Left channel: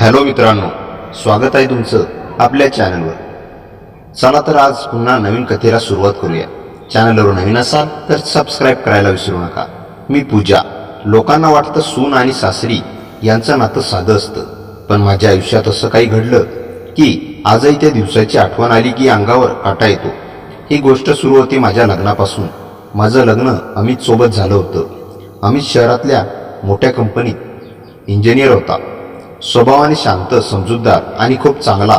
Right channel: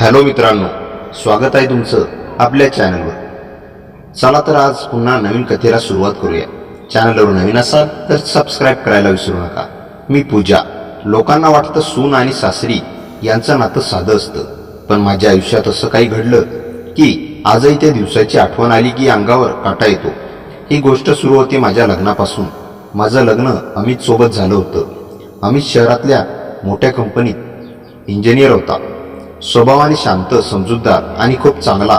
Hello मित्रांनो, स्वागत आहे तुमचं आपल्या चॅनलवर. चला तर आज पुन्हा नवीन कथेला सुरुवात करूया. चॅनलवर नवीन असाल तर सबस्क्राईब करायला विसरू नका. मी पूजा. लोकांना वाटतं सून आणि सासरी यांचं नातं साधं असतं, पण माझ्या आयुष्यात असं काही घडलं की आजही त्या दिवसाची आठवण आली की अंगावर काटा येतो. ही गोष्ट सुरू होती माझ्या लग्नापासून. माझं लग्न अमित सोबत झालं होतं. अमित शहरातल्या मोठ्या कंपनीत इंजिनियर होता. स्वभावाने शांत, समजूतदार आणि खूप चांगला.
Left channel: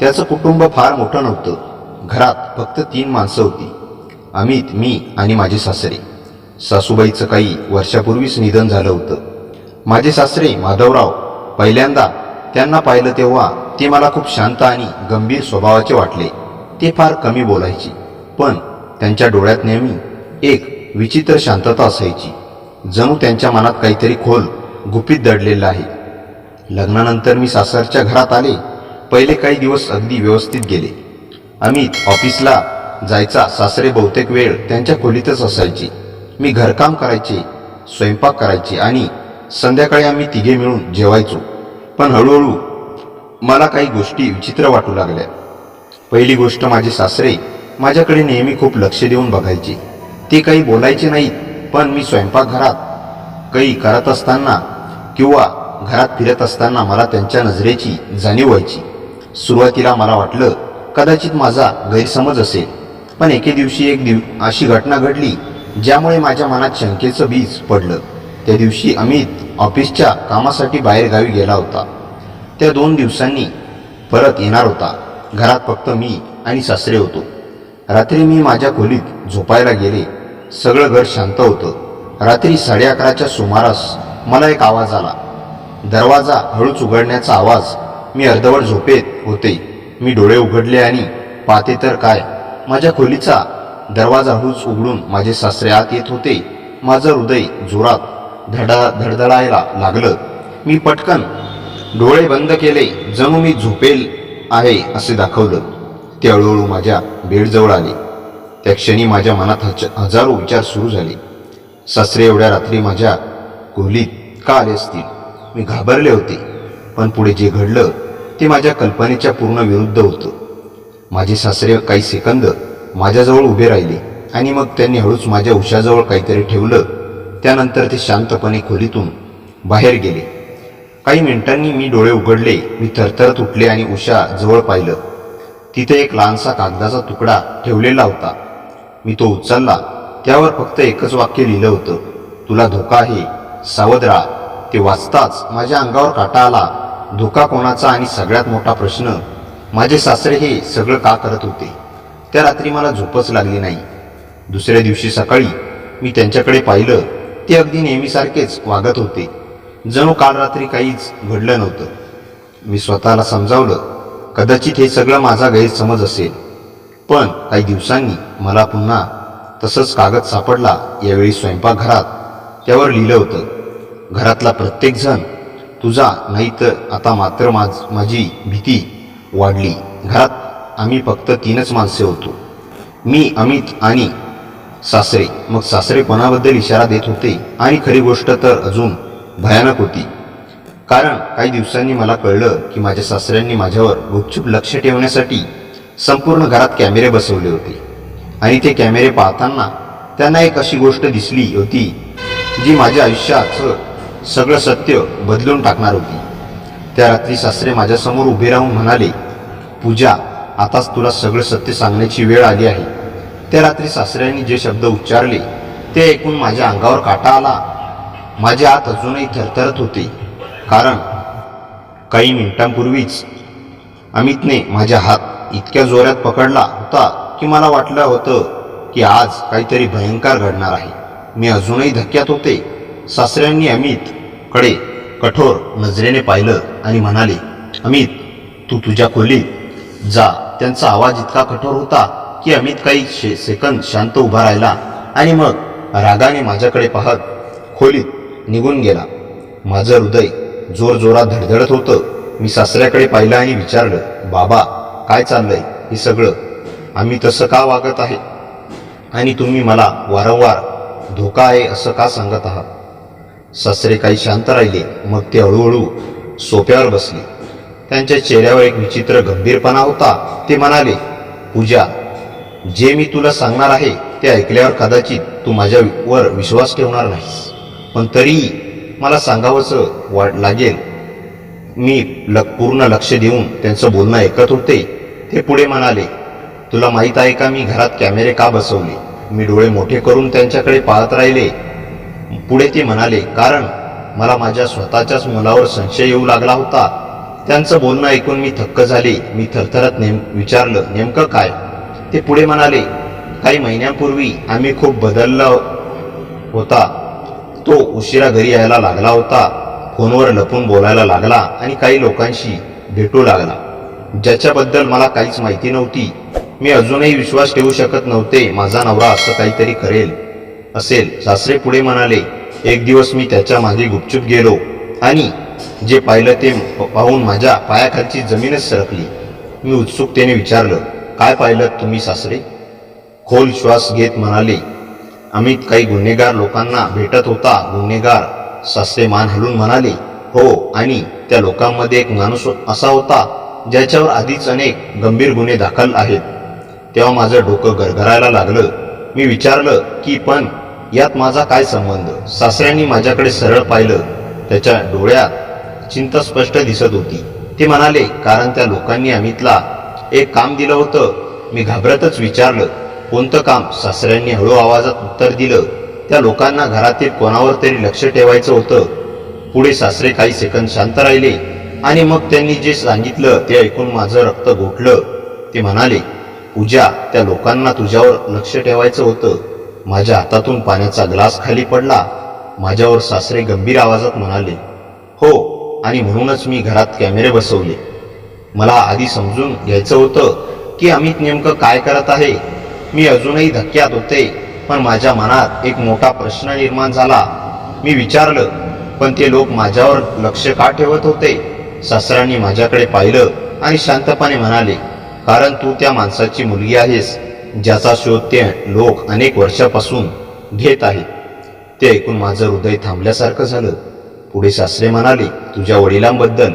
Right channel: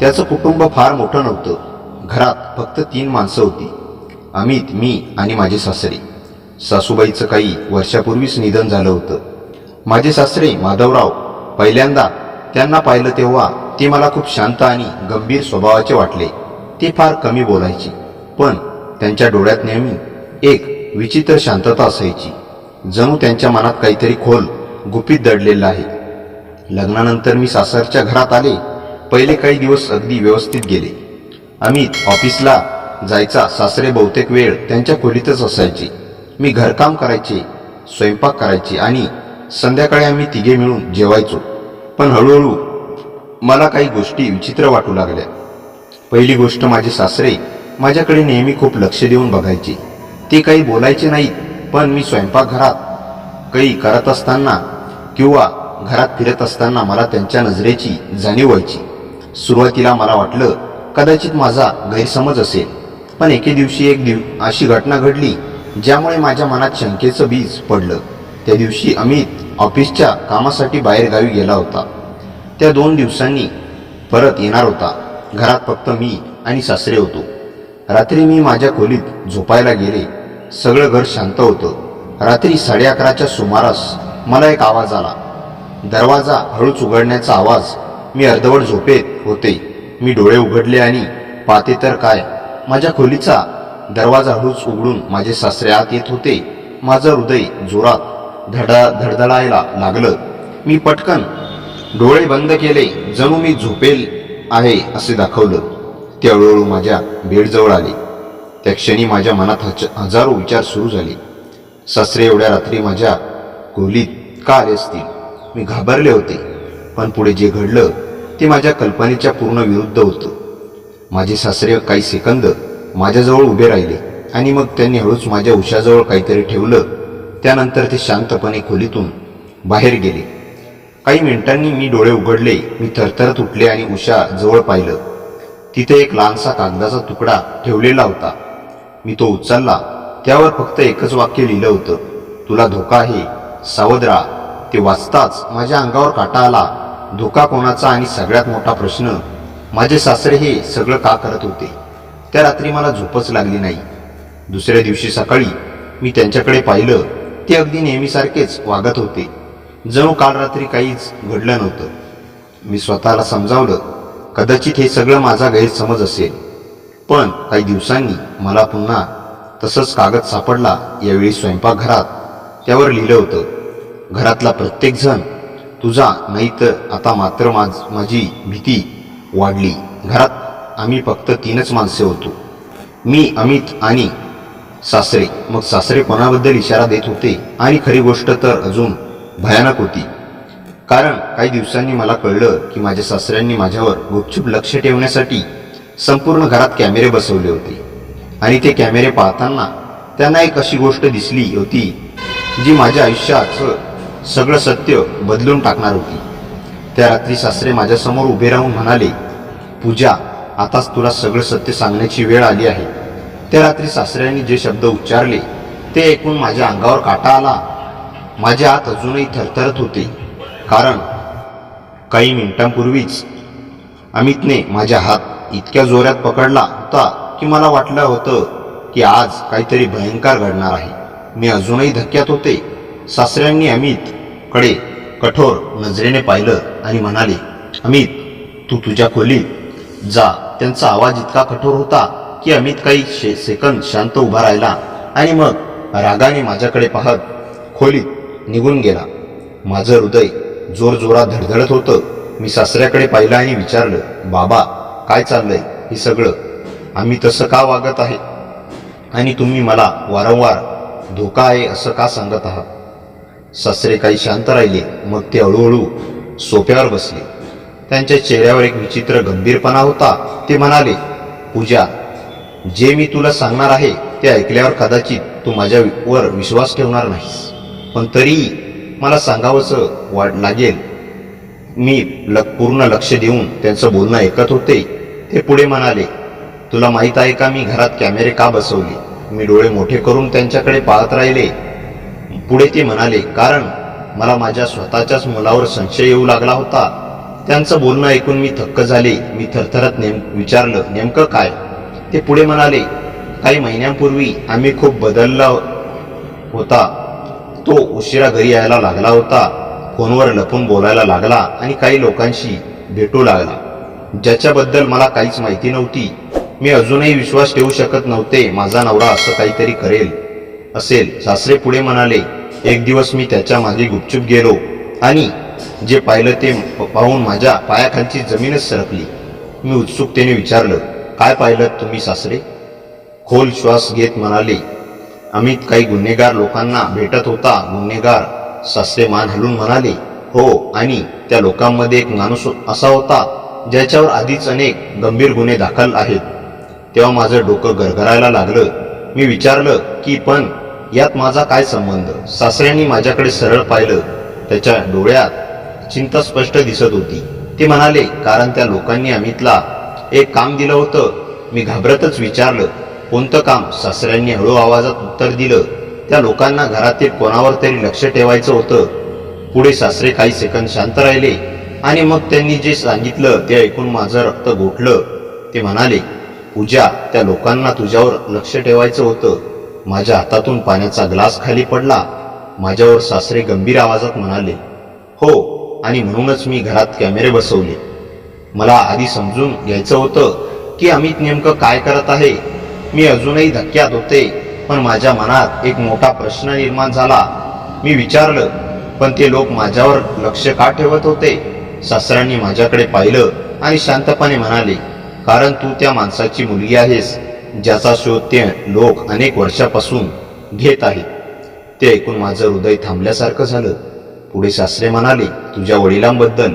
त्याचं कुटुंब फार मोठं नव्हतं. घरात फक्त 3 माणसं होती: अमित, मी आणि माझे सासरे. सासूबाईचं काही वर्षापूर्वीच निधन झालं होतं. माझे सासरे माधवराव, पहिल्यांदा त्यांना पाहिलं तेव्हा ते मला खूप शांत आणि गंभीर स्वभावाचे वाटले. ते फार कमी बोलायचे, पण त्यांच्या डोळ्यात नेहमी एक विचित्र शांतता असायची, जणू त्यांच्या मनात काहीतरी खोल गुपित दडलेलं आहे. लग्नानंतर मी सासरच्या घरात आले. पहिले काही दिवस अगदी व्यवस्थित गेले. अमित ऑफिसला जायचा. सासरे बहुतेक वेळ त्यांच्या खोलीतच असायचे. मी घरकाम करायचे, स्वयंपाक करायचे आणि संध्याकाळी आम्ही तिघे मिळून जेवायचो. पण हळूहळू मला काही गोष्टी विचित्र वाटू लागल्या. पहिली गोष्ट, माझे सासरे माझ्याकडे नेहमी खूप लक्ष देऊन बघायचे. ते काही बोलायचे नाहीत, पण मी स्वयंपाकघरात काही करत असताना किंवा घरात फिरत असताना मला त्यांच्या नजरेची जाणीव व्हायची. सुरुवातीला मला वाटलं कदाचित माझा गैरसमज असेल, पण एके दिवशी अशी घटना घडली ज्यामुळे माझ्या मनात शंकेचं बीज पडलं. त्या दिवशी अमित ऑफिसच्या कामासाठी बाहेरगावी गेला होता. त्या 2 दिवसांनी परत येणार होता. घरात फक्त मी आणि सासरे होतो. रात्री मी माझ्या खोलीत झोपायला गेले. सगळं घर शांत होतं. रात्री 11:30च्या सुमारास मला एक आवाज आला. दरवाजा हळूच उघडण्याचा आवाज. मी अर्धवट झोपेत होते. मी डोळे उघडले आणि पाहते तर काय, माझ्या खोलीचा दरवाजा हळूच उघडून माझे सासरे आत येत होते. माझं हृदय जोरात धडधडायला लागलं. मी पटकन डोळे बंद केले, जणू मी झोपेल आहे असे दाखवलं. ते हळूहळू माझ्या बेडजवळ आले. त्या क्षणी माझ्या मनात हजारो विचार सुरू झाले. सासरे एवढ्या रात्री माझ्या खोलीत का आले असतील? मी घाबरले होते, पण पुढे जे घडलं ते माझ्या कल्पनेच्या पूर्ण विरुद्ध होतं. माझे सासरे काही सेकंद माझ्याजवळ उभे राहिले आणि मग त्यांनी हळूच माझ्या उशाजवळ काहीतरी ठेवलं. त्यानंतर ते शांतपणे खोलीतून बाहेर गेले. काही मिनिटांनी मी डोळे उघडले. मी थरथरत उठले आणि उशाजवळ पाहिलं. तिथे एक लहानसा कागदाचा तुकडा ठेवलेला होता. मी तो उचलला. त्यावर फक्त एकच वाक्य लिहिलं होतं: तुला धोका आहे, सावध राहा. ते वाचताच माझ्या अंगावर काटा आला. धोका कोणाचा? आणि सगळ्यात मोठा प्रश्न, माझे सासरे हे सगळं का करत होते? त्या रात्री मला झोपच लागली नाही. दुसऱ्या दिवशी सकाळी मी त्यांच्याकडे पाहिलं. ते अगदी नेहमीसारखेच वागत होते, जणू काल रात्री काहीच घडलं नव्हतं. मी स्वतःला समजावलं कदाचित हे सगळं माझा गैरसमज असेल. पण काही दिवसांनी मला पुन्हा तसंच कागद सापडला. यावेळी स्वयंपाकघरात. त्यावर लिहिलं होतं: घरातला प्रत्येक जण तुझा नाही तर आता मात्र माझी भीती वाढली. घरात आम्ही फक्त 3च माणसे होतो: मी, अमित आणि सासरे. मग सासरे कोणाबद्दल इशारा देत होते? आणि खरी गोष्ट तर अजून भयानक होती, कारण काही दिवसांनी मला कळलं की माझ्या सासऱ्यांनी माझ्यावर गुपचूप लक्ष ठेवण्यासाठी संपूर्ण घरात कॅमेरे बसवले होते. आणि ते कॅमेरे पाहताना त्यांना एक अशी गोष्ट दिसली होती जी माझ्या आयुष्याचं सगळं सत्य बदलून टाकणार होती. त्या रात्री सासरे माझ्यासमोर उभे राहून म्हणाले: पूजा, आताच तुला सगळं सत्य सांगण्याची वेळ आली आहे. त्या रात्री सासऱ्यांनी जे शब्द उच्चारले ते ऐकून माझ्या अंगावर काटा आला. माझे हात अजूनही थरथरत होते, कारण काही मिनिटांपूर्वीच अमितने माझा हात इतक्या जोरात पकडला होता की मला वाटलं होतं की आज काहीतरी भयंकर घडणार आहे. मी अजूनही धक्क्यात होते. सासऱ्यांनी अमितकडे कठोर नजरेने पाहिलं आणि म्हणाले: अमित, तू तुझ्या खोलीत जा. त्यांचा आवाज इतका कठोर होता की अमित काही सेकंद शांत उभा राहिला आणि मग रागाने माझ्याकडे पाहत खोलीत निघून गेला. माझं हृदय जोरजोरात धडधडत होतं. मी सासऱ्याकडे पाहिलं आणि विचारलं: बाबा, काय चाललंय हे सगळं? आम्ही तसं का वागत आहे आणि तुम्ही मला वारंवार धोका आहे असं का सांगत आहात? सासरे काही शांत राहिले. मग ते हळूहळू सोफ्यावर बसले. त्यांच्या चेहऱ्यावर एक विचित्र गंभीरपणा होता. ते म्हणाले, पूजा, जे मी तुला सांगणार आहे ते ऐकल्यावर कदाचित तू माझ्यावर विश्वास ठेवणार नाहीस, पण तरीही मला सांगावंसं लागेल. मी पूर्ण लक्ष देऊन त्यांचं बोलणं ऐकत होते. ते पुढे म्हणाले, तुला माहीत आहे का मी घरात कॅमेरे का बसवले? मी डोळे मोठे करून त्यांच्याकडे पाहत राहिले. पुढे ते म्हणाले, कारण मला माझ्या स्वतःच्याच मुलावर संशय येऊ लागला होता. त्यांचं बोलणं ऐकून मी थक्क झाले. मी थरथरत विचारलं, नेमकं काय? ते पुढे म्हणाले, काही महिन्यांपूर्वी आम्ही खूप बदलला होता. तो उशिरा घरी यायला लागला होता, फोनवर लपून बोलायला लागला आणि काही लोकांशी भेटू लागला ज्याच्याबद्दल मला काहीच माहिती नव्हती. मी अजूनही विश्वास ठेवू शकत नव्हते माझा नवरा असं काहीतरी असेल. सासरे पुढे म्हणाले, एक दिवस मी त्याच्या मागे गुपचूप गेलो आणि जे पाहिलं ते पाहून माझ्या पायाखालची जमीनच सरकली. मी उत्सुकतेने विचारलं, काय पाहिलं तुम्ही सासरे? खोल श्वास घेत म्हणाले, अमित काही गुन्हेगार लोकांना भेटत होता. गुन्हेगार? सासरे मान हलून म्हणाले, हो, आणि त्या लोकांमध्ये एक माणूस असा होता ज्याच्यावर आधीच अनेक गंभीर गुन्हे दाखल आहेत. तेव्हा माझं डोकं गरगरायला लागलं. मी विचारलं की पण यात माझा काय संबंध? सासऱ्यांनी माझ्याकडे सरळ पाहिलं. त्याच्या डोळ्यात चिंता स्पष्ट दिसत होती. ते म्हणाले, कारण त्या लोकांनी अमितला एक काम दिलं होतं. मी घाबरतच विचारलं, कोणतं काम? सासऱ्यांनी हळू आवाजात उत्तर दिलं, त्या लोकांना घरातील कोणावर तरी लक्ष ठेवायचं होतं. पुढे सासरे काही सेकंद शांत राहिले आणि मग त्यांनी जे सांगितलं ते ऐकून माझं रक्त गोठलं. ते म्हणाले, पूजा, त्या लोकांना तुझ्यावर लक्ष ठेवायचं होतं. माझ्या हातातून पाण्याचा ग्लास खाली पडला. माझ्यावर सासरे गंभीर आवाजात म्हणाले, हो, आणि म्हणूनच मी घरात कॅमेरे बसवले. मला आधी समजून घ्यायचं होतं की अमित नेमकं काय करत आहे. मी अजूनही धक्क्यात होते, पण माझ्या मनात एक मोठा प्रश्न निर्माण झाला. मी विचारलं, पण ते लोक माझ्यावर लक्ष का ठेवत होते? सासऱ्यांनी माझ्याकडे पाहिलं आणि शांतपणे म्हणाले, कारण तू त्या माणसाची मुलगी आहेस ज्याचा शोध ते लोक अनेक वर्षापासून घेत आहेत. ते ऐकून माझं हृदय थांबल्यासारखं झालं. पुढे सासरे म्हणाले, तुझ्या वडिलांबद्दल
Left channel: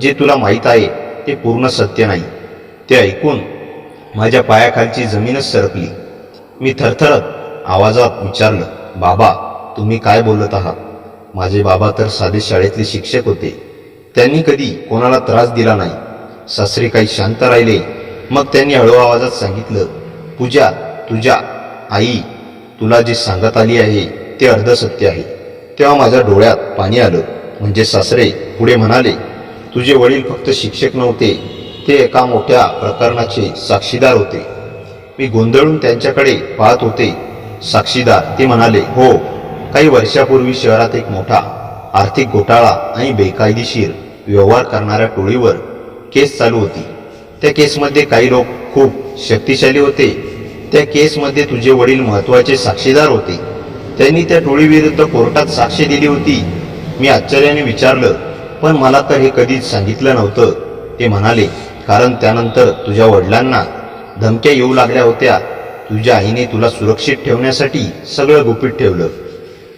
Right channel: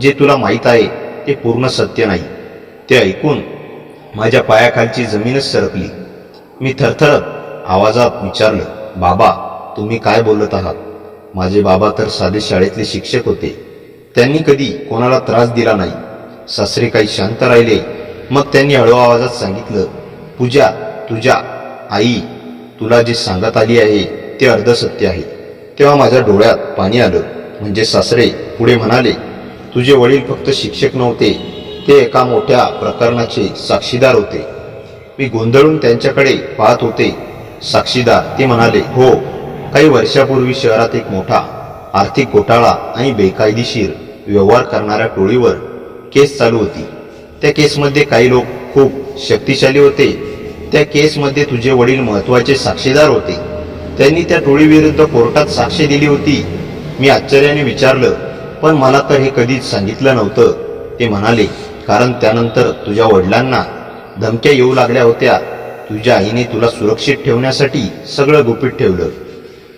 जे तुला माहीत आहे ते पूर्ण सत्य नाही. ते ऐकून माझ्या पायाखालची जमीनच सरकली. मी थरथरत आवाजात विचारलं, बाबा, तुम्ही काय बोलत आहात? माझे बाबा तर साधे शाळेतले शिक्षक होते. त्यांनी कधी कोणाला त्रास दिला नाही. सासरे काही शांत राहिले. मग त्यांनी हळू आवाजात सांगितलं, पूजा, तुझ्या आई तुला जे सांगत आली आहे ते अर्धसत्य आहे. तेव्हा माझ्या डोळ्यात पाणी आलं. म्हणजे सासरे पुढे म्हणाले, तुझे वडील फक्त शिक्षक नव्हते, ते एका मोठ्या प्रकरणाचे साक्षीदार होते. मी गोंधळून त्यांच्याकडे पाहत होते. साक्षीदार? ते म्हणाले, हो, काही वर्षापूर्वी शहरात एक मोठा आर्थिक घोटाळा आणि बेकायदेशीर व्यवहार करणाऱ्या टोळीवर केस चालू होती. त्या केसमध्ये काही लोक खूप शक्तिशाली होते. त्या केसमध्ये तुझे वडील महत्त्वाचे साक्षीदार होते. त्यांनी त्या टोळीविरुद्ध कोर्टात साक्ष दिली होती. मी आश्चर्याने विचारलं, पण मला तर हे कधीच सांगितलं नव्हतं. ते म्हणाले, कारण त्यानंतर तुझ्या वडिलांना धमक्या येऊ लागल्या होत्या. तुझ्या आईने तुला सुरक्षित ठेवण्यासाठी सगळं गुपित ठेवलं.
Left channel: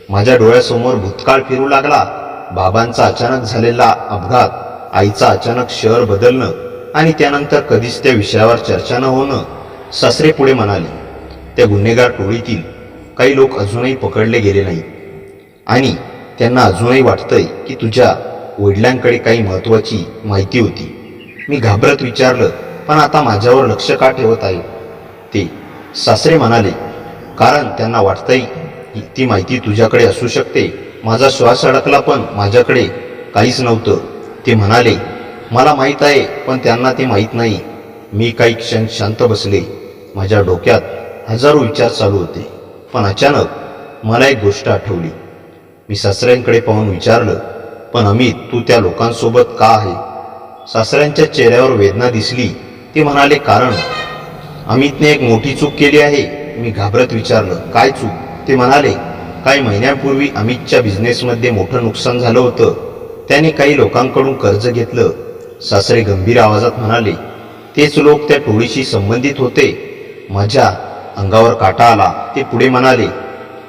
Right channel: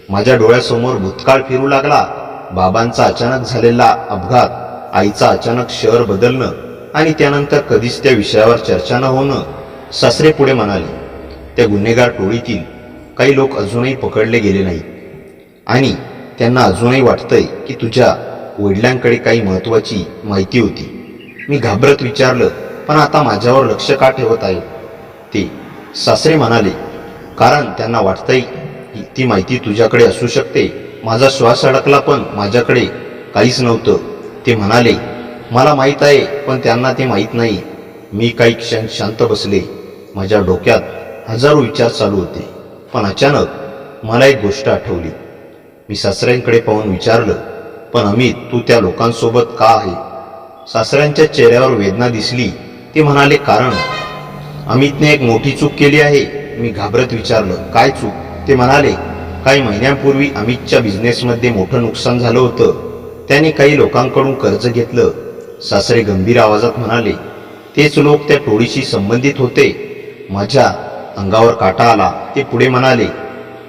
माझ्या डोळ्यासमोर भूतकाळ फिरू लागला. बाबांचा अचानक झालेला अपघात, आईचा अचानक शहर बदलणं आणि त्यानंतर कधीच त्या विषयावर चर्चा न होणं. सासरे पुढे म्हणाले, त्या गुन्हेगार टोळीतील काही लोक अजूनही पकडले गेले नाहीत आणि त्यांना अजूनही वाटतंय की तुझ्या वडिलांकडे काही महत्त्वाची माहिती होती. मी घाबरत विचारलं, पण आता माझ्यावर लक्ष का ठेवत आहे ते? सासरे म्हणाले, कारण त्यांना वाटतंय ती माहिती तुझ्याकडे असू शकते. माझा श्वास अडकला, पण माझ्याकडे काहीच नव्हतं. ते म्हणाले, मला माहीत आहे, पण त्यांना ते माहीत नाही. मी काही क्षण शांत बसले. माझ्या डोक्यात हजारो विचार चालू होते. पण अचानक मला एक गोष्ट आठवली. मी सासऱ्यांकडे पाहून विचारलं, पण अमित, तू त्या लोकांसोबत का आहे? सासऱ्यांच्या चेहऱ्यावर वेदना दिसली. ते म्हणाले, कारण अमितने एक मोठी चूक केली आहे. मी घाबरत विचारलं, काय चूक? ते म्हणाले, काही महिन्यांपूर्वी अमितच्या बिझनेसमध्ये मोठं नुकसान झालं होतं. त्याने काही लोकांकडून कर्ज घेतलं. सासरे गंभीर आवाजात म्हणाले, तेच लोक त्या टोळीशी संबंधित होते. माझ्या अंगावर काटा आला. ते पुढे म्हणाले,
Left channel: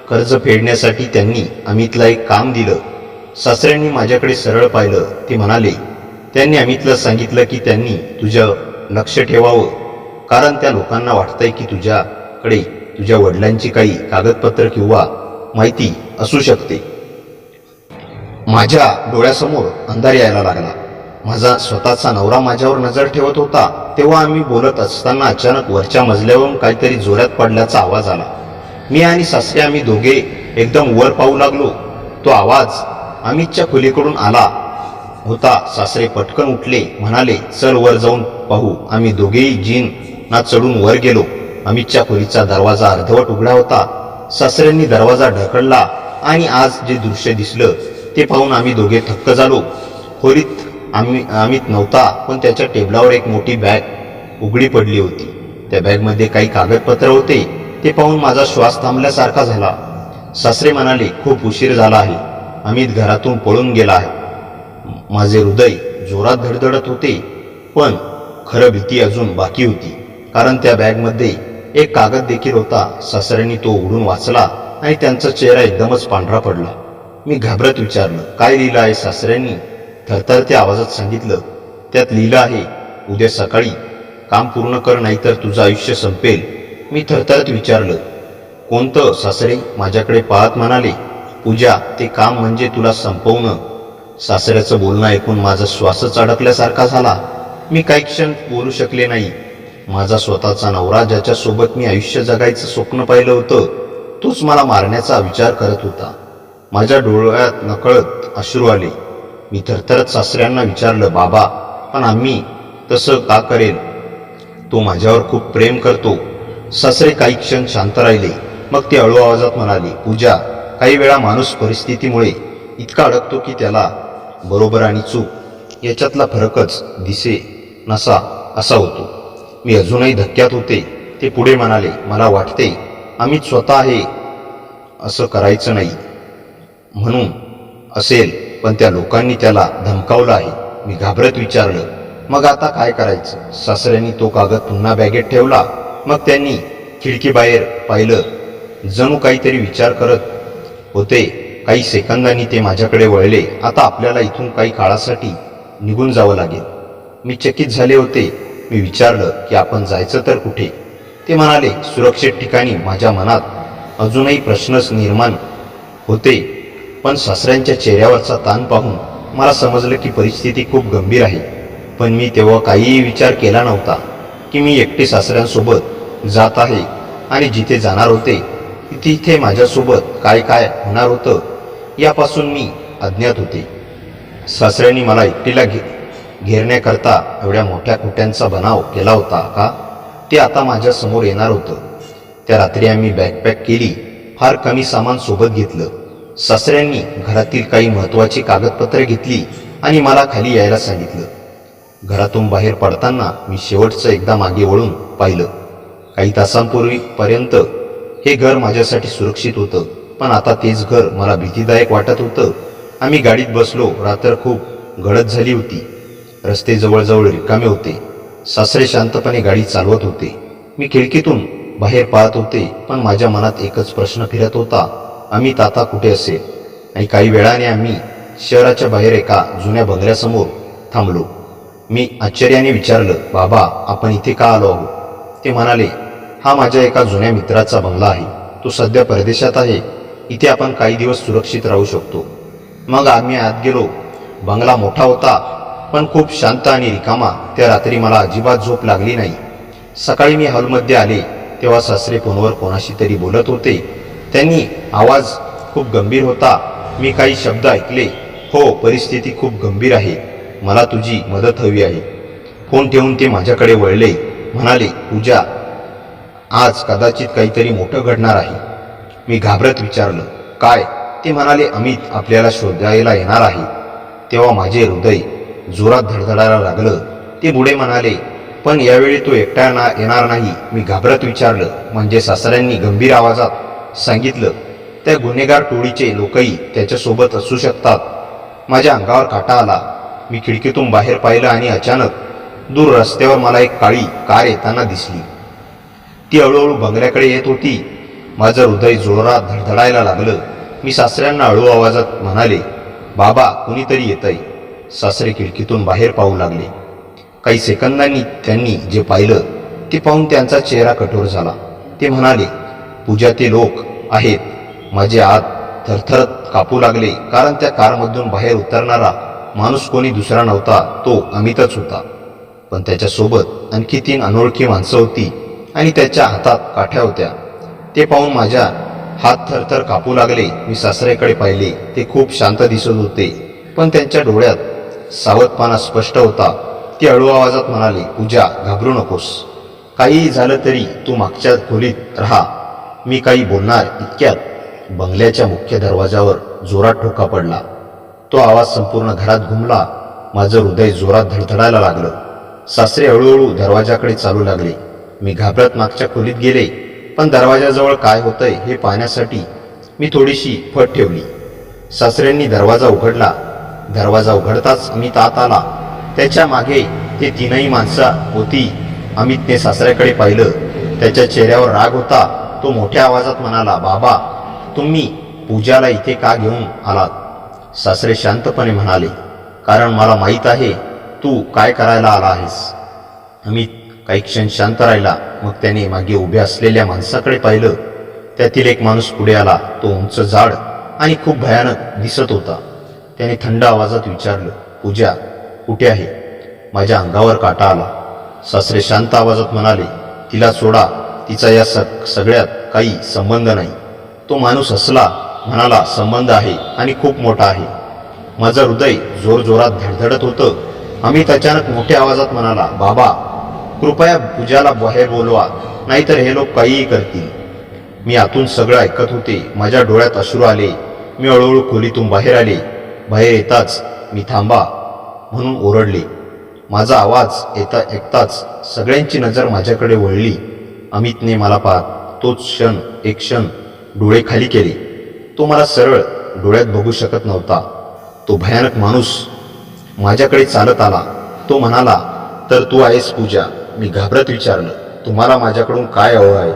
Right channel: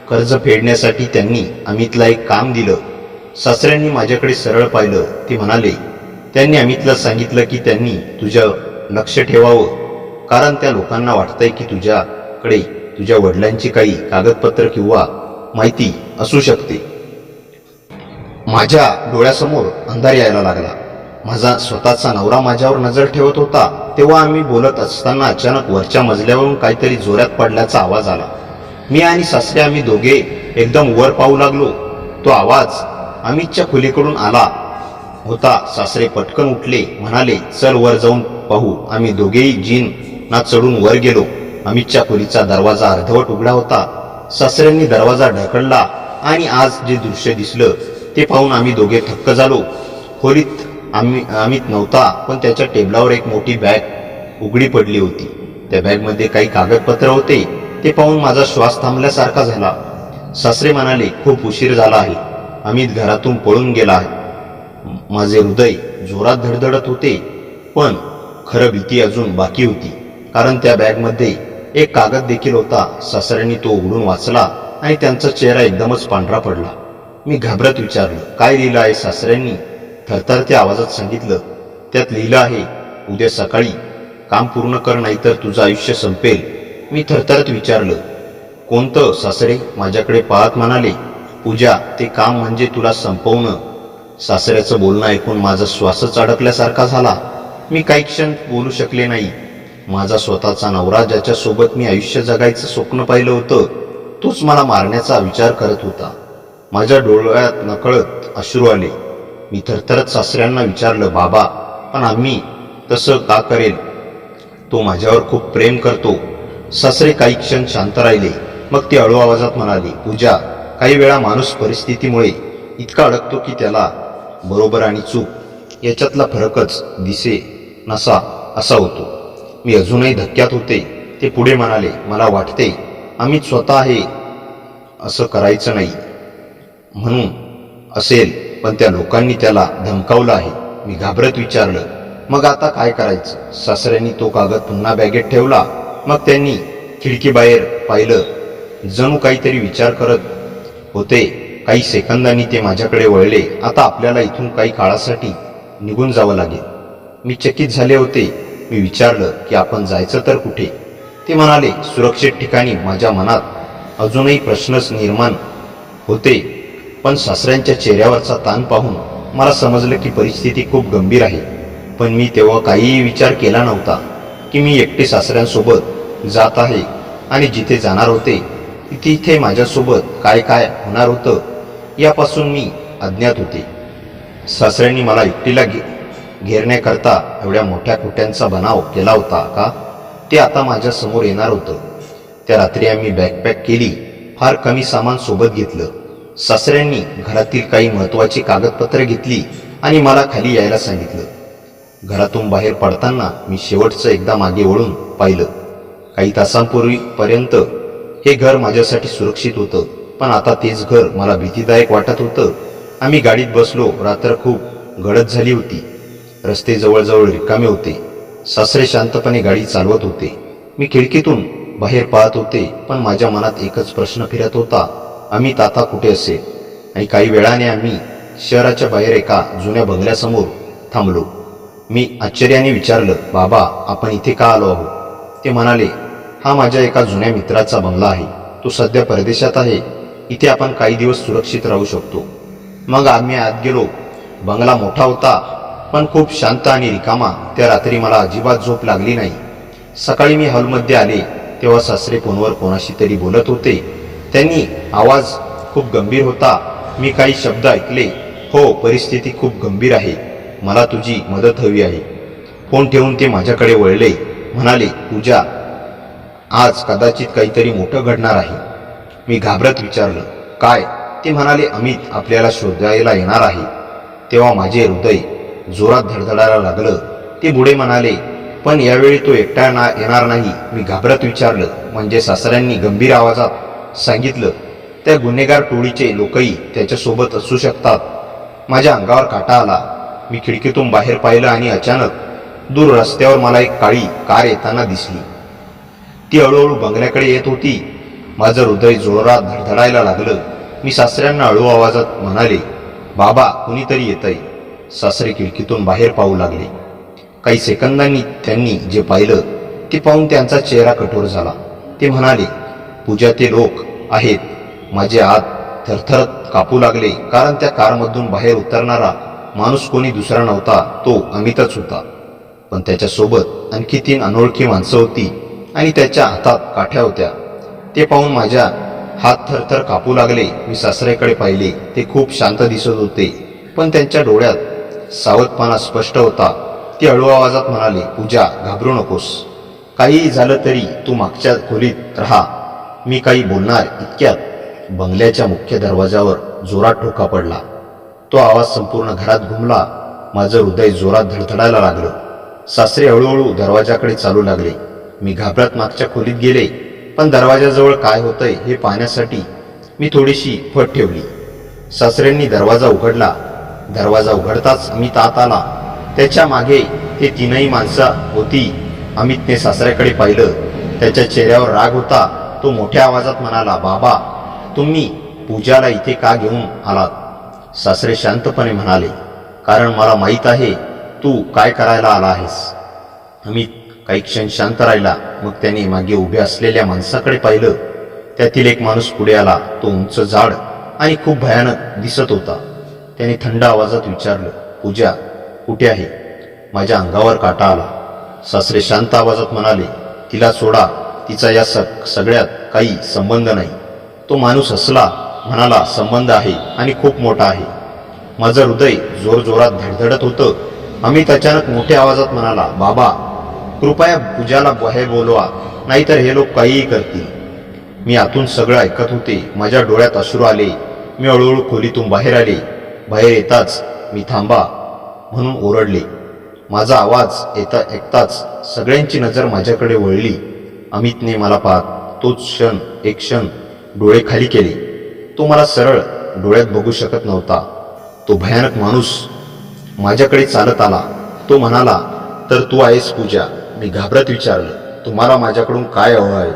कर्ज फेडण्यासाठी त्यांनी अमितला एक काम दिलं. सासऱ्यांनी माझ्याकडे सरळ पाहिलं. ते म्हणाले, त्यांनी अमितला सांगितलं की त्यांनी तुझं लक्ष ठेवावं, कारण त्या लोकांना वाटतंय की तुझ्याकडे तुझ्या वडिलांची काही कागदपत्र किंवा माहिती असू शकते. माझ्या डोळ्यासमोर अंधार यायला लागला. माझा स्वतःचा नवरा माझ्यावर नजर ठेवत होता. तेव्हा आम्ही बोलत असताना अचानक वरच्या मजल्यावरून काहीतरी जोरात पडल्याचा आवाज आला. मी आणि सासरे आम्ही दोघे एकदम वर पाहू लागलो. तो आवाज अमितच्या खोलीकडून आला होता. सासरे पटकन उठले, म्हणाले, चल वर जाऊन पाहू. आम्ही दोघेही जिना चढून वर गेलो. अमितच्या खोलीचा दरवाजा अर्धवट उघडा होता. सासऱ्यांनी दरवाजा ढकलला आणि आज जे दृश्य दिसलं ते पाहून आम्ही दोघे थक्क झालो. खोलीत अमित नव्हता, पण त्याच्या टेबलावर एक मोठी बॅग उघडी पडली होती. त्या बॅगमध्ये काही कागदपत्र होते. ते पाहून माझा श्वास थांबल्यासारखा झाला. सासरे म्हणाले, खूप उशीर झाला आहे, अमित घरातून पळून गेला आहे. माझे हृदय जोरात धडधडत होते, पण खरं भीती अजून बाकी होती, कारण त्या बॅगमध्ये एक कागद देखील होता. सासऱ्यांनी तो उघडून वाचला आणि त्यांचा चेहरा एकदमच पांढरा पडला. मी घाबरत विचारलं, काय लिहिलं आहे? सासऱ्यांनी थरथरत्या आवाजात सांगितलं, त्यात लिहिलं आहे, उद्या सकाळी काम पूर्ण कर, नाहीतर तुझं आयुष्य संपेल. मी थरथरत विचारलं, कोणतं? सासरे माझ्याकडे पाहत म्हणाले, पूजा, ते काम म्हणजे तुला संपवणं. सासऱ्याचं बोलणं ऐकून माझा श्वासच अडकल्यासारखा झाला. मी काही क्षण बोलू शकले नाही. माझा स्वतःचा नवरा, ज्याच्यासोबत मी आयुष्य जगायचं स्वप्न पाहिलं होतं, तोच मला मारण्याचा विचार करत होता. माझ्या डोळ्यात नकळत अश्रू आले. मी थरथरत सासऱ्यांना विचारलं, बाबा, पण आम्ही तसं का करेल? तो माझ्यावर खूप प्रेम करतो. सासरे काही क्षण शांत राहिले. मग ते हळू आवाजात म्हणाले, पूजा, काही वेळा माणूस परिस्थितीमुळे इतका अडकतो की त्याला बरोबर आणि चूक याच्यातला फरकच दिसे नसा असा होतो. मी अजूनही धक्क्यात होते. ते पुढे म्हणाले, मला वाटते अमित स्वतः हे असं करायचं नाही म्हणून असेल, पण त्या लोकांनी त्याला धमकावलं आहे. मी घाबरत विचारलं, मग आता काय करायचं? सासऱ्यांनी तो कागद पुन्हा बॅगेत ठेवला. मग त्यांनी खिडकीबाहेर पाहिलं, जणू काहीतरी विचार करत होते. काही सेकंदांनी ते माझ्याकडे वळले. आता आपल्याला इथून काही काळासाठी निघून जावं लागेल. मी चकित झाले होते. मी विचारलं की आपण जायचं तर कुठे? ते म्हणाले, सुरक्षित ठिकाणी. माझ्या मनात अजूनही प्रश्नच निर्माण होते, पण सासऱ्यांच्या चेहऱ्यावरचा ताण पाहून मला समजलं की परिस्थिती खूप गंभीर आहे. पण मी तेव्हा काहीही विचार केला नव्हता की मी एकटे सासऱ्यांसोबत जात आहे आणि जिथे जाणार होते तिथे माझ्यासोबत काय काय होणार होतं यापासून मी अज्ञात होते. सासऱ्यांनी मला एकटीला घेरण्याकरता एवढ्या मोठ्या खोट्यांचा बनाव केला होता का? ते आता माझ्या समोर येणार होतं. त्या रात्री आम्ही बॅकपॅक केली. फार कमी सामान सोबत घेतलं. सासऱ्यांनी घरातील काही महत्त्वाची कागदपत्रे घेतली आणि मला खाली यायला सांगितलं. घरातून बाहेर पडताना मी शेवटचं एकदा मागे वळून पाहिलं. काही तासांपूर्वीपर्यंत हे घर माझ्यासाठी सुरक्षित होतं, पण आता तेच घर मला भीतीदायक वाटत होतं. आम्ही गाडीत बसलो. रात्र खूप गडद झाली होती. रस्ते जवळजवळ रिकामे होते. सासरे शांतपणे गाडी चालवत होते. मी खिडकीतून बाहेर पाहत होते, पण माझ्या मनात एकच प्रश्न फिरत होता, अमित आता कुठे असेल? आणि काही वेळाने आम्ही शहराच्या बाहेर एका जुन्या बंगल्यासमोर थांबलो. मी आश्चर्याने विचारलं, बाबा, आपण इथे का आलो आहोत? ते म्हणाले, हा माझ्या एका जुन्या मित्राचा बंगला आहे. तो सध्या परदेशात आहे. इथे आपण काही दिवस सुरक्षित राहू शकतो. मग आम्ही आत गेलो. बंगला मोठा होता, पण खूप शांत आणि रिकामा. त्या रात्री मला अजिबात झोप लागली नाही. सकाळी मी हॉलमध्ये आले तेव्हा सासरे फोनवर कोणाशी तरी बोलत होते. त्यांनी आवाज खूप गंभीर होता. मी काही शब्द ऐकले. हो, परिस्थिती खूप गंभीर आहे. मला तुझी मदत हवी आहे. फोन ठेवून ते माझ्याकडे वळले. म्हणाले, पूजा, आज कदाचित काहीतरी मोठं घडणार आहे. मी घाबरत विचारलं, काय? ते म्हणाले, अमित आपल्याला शोधायला येणार आहे. तेव्हा माझे हृदय जोरात धडधडायला लागलं. ते पुढे म्हणाले, पण यावेळी तो एकटा येणार नाही. मी घाबरत विचारलं, म्हणजे? सासऱ्यांनी गंभीर आवाजात सांगितलं, त्या गुन्हेगार टोळीचे लोकही त्याच्यासोबत असू शकतात. माझ्या अंगावर काटा आला. मी खिडकीतून बाहेर पाहिलं आणि अचानक दूर रस्त्यावर मला एक काळी कार येताना दिसली. ती हळूहळू बंगल्याकडे येत होती. माझं हृदय जोरात धडधडायला लागलं. मी सासऱ्यांना हळू आवाजात म्हणाले, बाबा, कुणीतरी येतंय. सासरे खिडकीतून बाहेर पाहू लागले. काही सेकंदांनी त्यांनी जे पाहिलं ते पाहून त्यांचा चेहरा कठोर झाला. ते म्हणाले, पूजा, ते लोक आहेत. माझे हात थरथरत कापू लागले, कारण त्या कारमधून बाहेर उतरणारा माणूस कोणी दुसरा नव्हता, तो अमितच होता. पण त्याच्यासोबत आणखी 3 अनोळखी माणसं होती आणि त्याच्या हातात काठ्या होत्या. ते पाहून माझ्या हात थरथर कापू लागले. मी सासऱ्याकडे पाहिले. ते खूप शांत दिसत होते, पण त्यांच्या डोळ्यात सावधपणा स्पष्ट होता. ते हळू आवाजात म्हणाले, पूजा, घाबरू नकोस. काहीही झालं तरी तू मागच्या खोलीत राहा. मी काही बोलणार इतक्यात बंगल्याच्या मुख्य दरवाजावर जोरात ठोका पडला. तो आवाज संपूर्ण घरात घुमला. माझं हृदय जोरात धडधडायला लागलं. सासरे हळूहळू दरवाजाकडे चालू लागले. मी घाबरत मागच्या खोलीत गेले, पण दरवाजाजवळ काय होतंय हे पाहण्यासाठी मी थोडीशी फट ठेवली. सासऱ्यांनी दरवाजा उघडला. दरवाजा उघडताच अमित आत आला. त्याच्या मागे ते 3ही माणसं होती. अमितने सासऱ्याकडे पाहिलं. त्याच्या चेहऱ्यावर राग होता. तो मोठ्या आवाजात म्हणाला, बाबा, तुम्ही पूजाला इथे का घेऊन आलात? सासरे शांतपणे म्हणाले, कारण मला माहीत आहे तू काय करायला आला आहेस. अमित काही क्षण शांत राहिला. मग त्याने मागे उभ्या असलेल्या माणसाकडे पाहिलं. त्यातील एक माणूस पुढे आला. तो उंच, जाड आणि खूप भयानक दिसत होता. त्याने थंड आवाजात विचारलं, पूजा कुठे आहे? माझ्या अंगावर काटा आला. सासरे शांत आवाजात म्हणाले, तिला सोडा. तिचा या सगळ्यात काही संबंध नाही. तो माणूस हसला, म्हणाला, संबंध आहे आणि खूप मोठा आहे. माझं हृदय जोरजोरात धडधडत होतं. अमित अचानक मोठ्या आवाजात म्हणाला, बाबा, कृपया पूजाला बाहेर बोलवा, नाहीतर हे लोक काहीही करतील. मी आतून सगळं ऐकत होते. माझ्या डोळ्यात अश्रू आले. मी हळूहळू खोलीतून बाहेर आले. बाहेर येताच मी थांबा म्हणून ओरडले. माझा आवाज ऐकताच सगळ्यांची नजर माझ्याकडे वळली. अमितने मला पाहत एक क्षण डोळे खाली केले. तो मला सरळ डोळ्यात बघू शकत नव्हता. तो भयानक माणूस माझ्याकडे चालत आला. तो म्हणाला, तर तू आहेस पूजा? मी घाबरत विचारलं, तुम्हाला माझ्याकडून काय हवं आहे?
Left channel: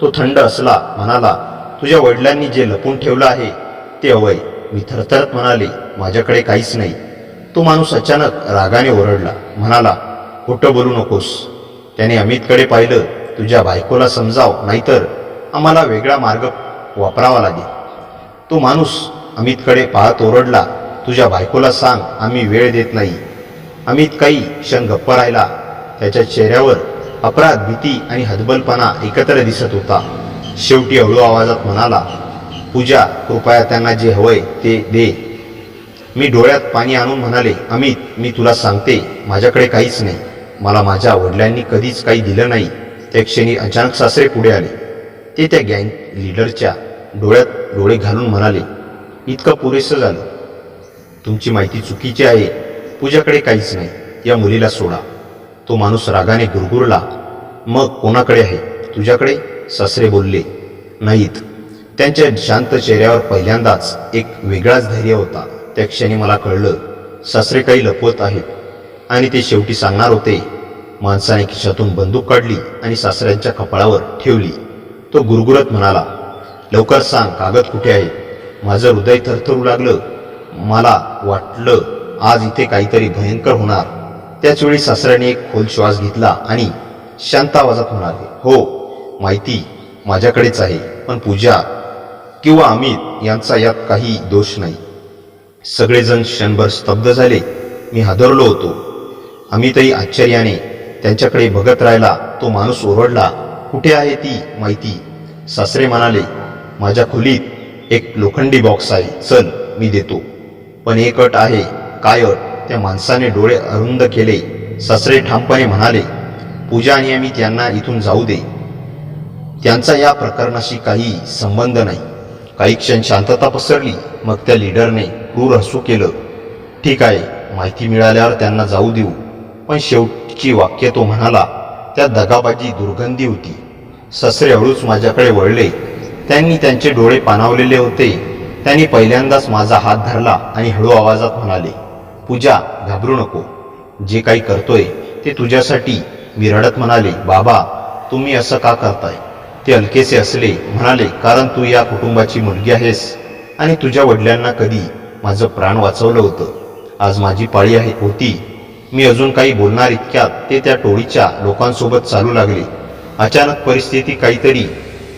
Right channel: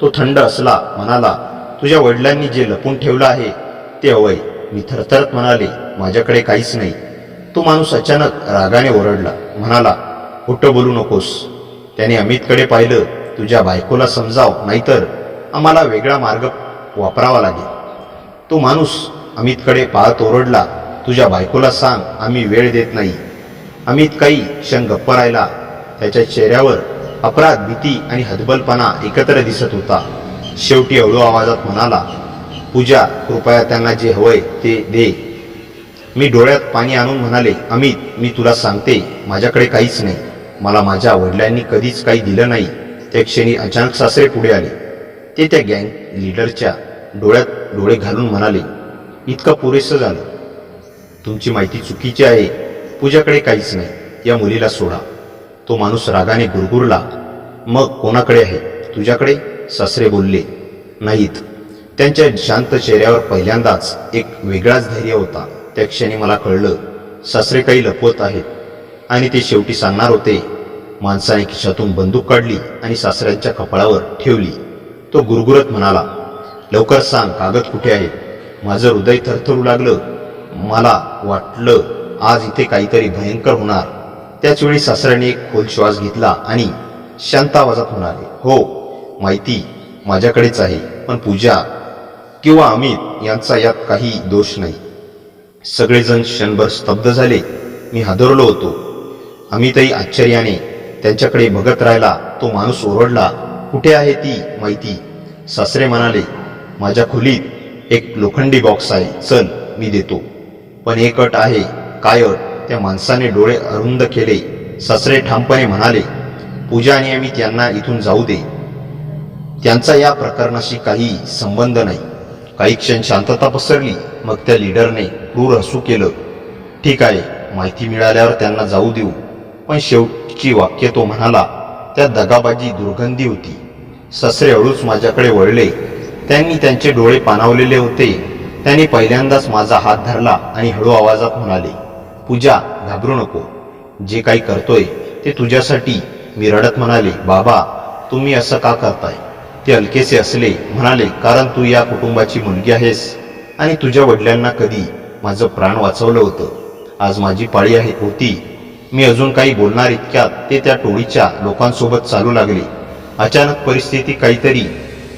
तो थंड हसला, म्हणाला, तुझ्या वडिलांनी जे लपून ठेवलं आहे ते हवंय. मी थरथरत म्हणाले, माझ्याकडे काहीच नाही. तो माणूस अचानक रागाने ओरडला, म्हणाला, खोटं बोलू नकोस. त्याने अमितकडे पाहिलं. तुझ्या बायकोला समजाव, नाहीतर आम्हाला वेगळा मार्ग वापरावा लागेल. तो माणूस अमितकडे पाहत ओरडला, तुझ्या बायकोला सांग आम्ही वेळ देत नाही. अमित काही क्षण गप्प राहिला. त्याच्या चेहऱ्यावर अपराध, भीती आणि हतबलपणा एकत्र दिसत होता. शेवटी हळू आवाजात म्हणाला, पूजा, कृपया त्यांना जे हवंय ते दे. मी डोळ्यात पाणी आणून म्हणाले, अमित, मी तुला सांगते, माझ्याकडे काहीच नाही. मला माझ्या वडिलांनी कधीच काही दिलं नाही. त्या क्षणी अचानक सासरे पुढे आले. ते त्या गँग लीडरच्या डोळ्यात डोळे घालून म्हणाले, इतकं पुरेसं झालं. तुमची माहिती चुकीची आहे. पूजाकडे काहीच नाही. या मुलीला सोडा. तो माणूस रागाने गुरगुरला. मग कोणाकडे आहे? तुझ्याकडे? सासरे बोलले, नाहीत. त्यांच्या शांत चेहऱ्यावर पहिल्यांदाच एक वेगळाच धैर्य होता. त्या क्षणी मला कळलं, सासरे काही लपवत आहेत आणि ते शेवटी सांगणार होते. माणसाने खिशातून बंदूक काढली आणि सासऱ्यांच्या कपाळावर ठेवली. तो गुरगुरत म्हणाला, लवकर सांग, कागद कुठे आहे? माझं हृदय थरथरू लागलं. मला वाटलं आज इथे काहीतरी भयंकर होणार. त्याचवेळी सासऱ्याने एक खोल श्वास घेतला आणि शांत आवाजात म्हणाले, हो, माहिती माझ्याकडेच आहे. पण पूजा किंवा अमित यांचा यात काही दोष नाही. सगळेजण क्षणभर स्तब्ध झाले. मी हादरलो होतो. अमितही आश्चर्याने त्यांच्याकडे बघत राहिला. तो माणूस ओरडला, कुठे आहे ती माहिती? सासरे म्हणाले, माझ्या खोलीत एक लोखंडी बॉक्स आहे. चल, मी देतो. पण एक अट आहे. काय अट? त्या माणसाने डोळे अरुंद केले. सासरे ठामपणे म्हणाले, पूजा आणि अमित यांना इथून जाऊ दे. त्यांचा या प्रकरणाशी काही संबंध नाही. काही क्षण शांतता पसरली. मग त्या लीडरने क्रूर हसू केलं. ठीक आहे, माहिती मिळाल्यावर त्यांना जाऊ देऊ. पण शेवटची वाक्य तो म्हणाला, त्यात दगाबाजी, दुर्गंधी होती. सासरे हळूच माझ्याकडे वळले. त्यांनी त्यांचे डोळे पाणावलेले होते. त्यांनी पहिल्यांदाच माझा हात धरला आणि हळू आवाजात म्हणाले, पूजा, घाबरू नको. जे काही करतोय ते तुझ्यासाठी. मी रडत म्हणाले, बाबा, तुम्ही असं का करताय? ते हलकेसे हसले, म्हणाले, कारण तू या कुटुंबाची मुलगी आहेस आणि तुझ्या वडिलांना कधी माझं प्राण वाचवलं होतं. आज माझी पाळी होती. मी अजून काही बोलणार इतक्यात ते त्या टोळीच्या लोकांसोबत चालू लागले. अचानक परिस्थिती काहीतरी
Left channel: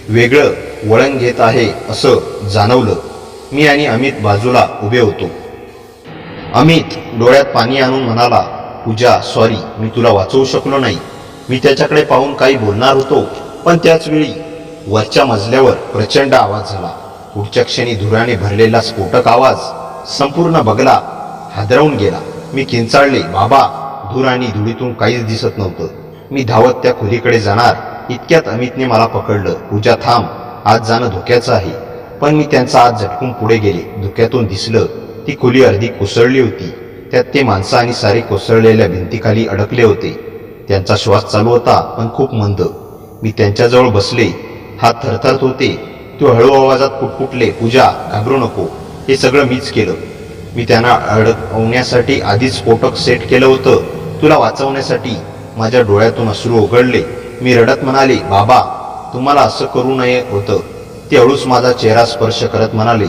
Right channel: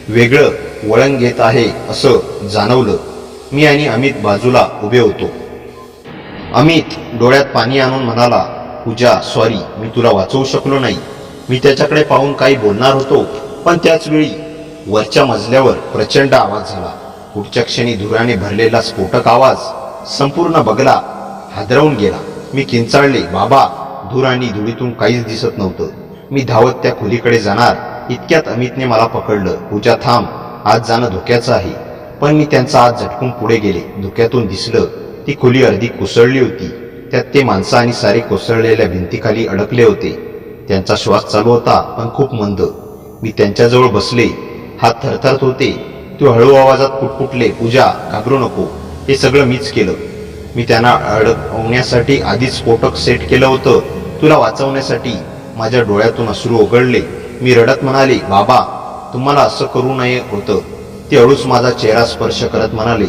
वेगळं वळण घेत आहे असं जाणवलं. मी आणि अमित बाजूला उभे होतो. अमित डोळ्यात पाणी आणून म्हणाला, पूजा सॉरी, मी तुला वाचवू शकलो नाही. मी त्याच्याकडे पाहून काही बोलणार होतो, पण त्याच वेळी वरच्या मजल्यावर प्रचंड आवाज झाला. पुढच्या क्षणी धुराने भरलेला स्फोटक आवाज संपूर्ण बंगला हादरवून गेला. मी किंचाळले, बाबा. धूर आणि धुळीतून काहीच दिसत नव्हतं. मी धावत त्या खोलीकडे जाणार इतक्यात अमितने मला पकडलं. पूजा थांब, आज जाणं धोक्याचं आहे. पण मी त्यांचा हात झटकून पुढे गेले. धुक्यातून दिसलं ती खोली अर्धी कोसळली होती. त्यात ते माणसं आणि सारे कोसळलेल्या भिंतीखाली अडकले होते. त्यांचा श्वास चालू होता, पण खूप मंद. मी त्यांच्याजवळ बसले. हात थरथरत होते. ते हळू आवाजात पुटपुटले, पूजा घाबरू नको, हे सगळं मीच केलं. मी त्यांना अडकवण्यासाठी आधीच स्फोटक सेट केलं होतं. तुला वाचवण्यासाठी. माझ्या डोळ्यातून अश्रू ओघळले. मी रडत म्हणाले, बाबा तुम्हाला असं करू नये होतं. ते हळूच माझा चेहरा स्पर्श करत म्हणाले,